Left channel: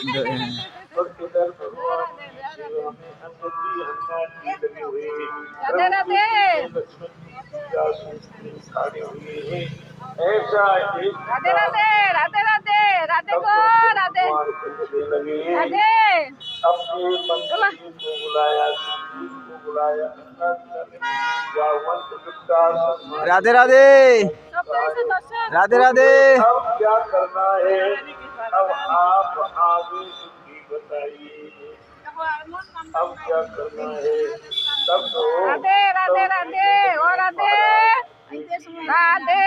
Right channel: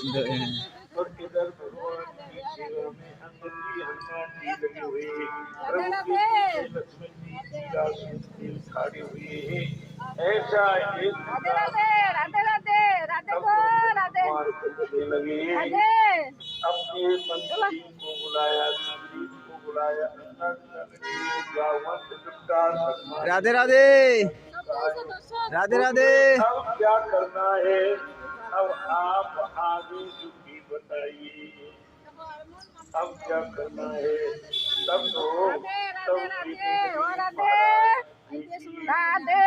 और इधर भगवान की सेवा में अंदर जी हनुमान जी लगे हुए हैं, राधे राधे लक्ष्मण जी आशीष में खड़े हुए हैं। ऐसा एक राधे राधे राधे राधे राधे को राधे भगवान कहने लगे, राधे अपने मंत्री को बुलाया, सुग्रीव को बुलाया, राधे राधे राधे राधे। अब क्या करना है, अब आप आगे बुद्धि बताइए, अब क्या करना है। तब तो राधे राधे राधे ओ राधे राधे।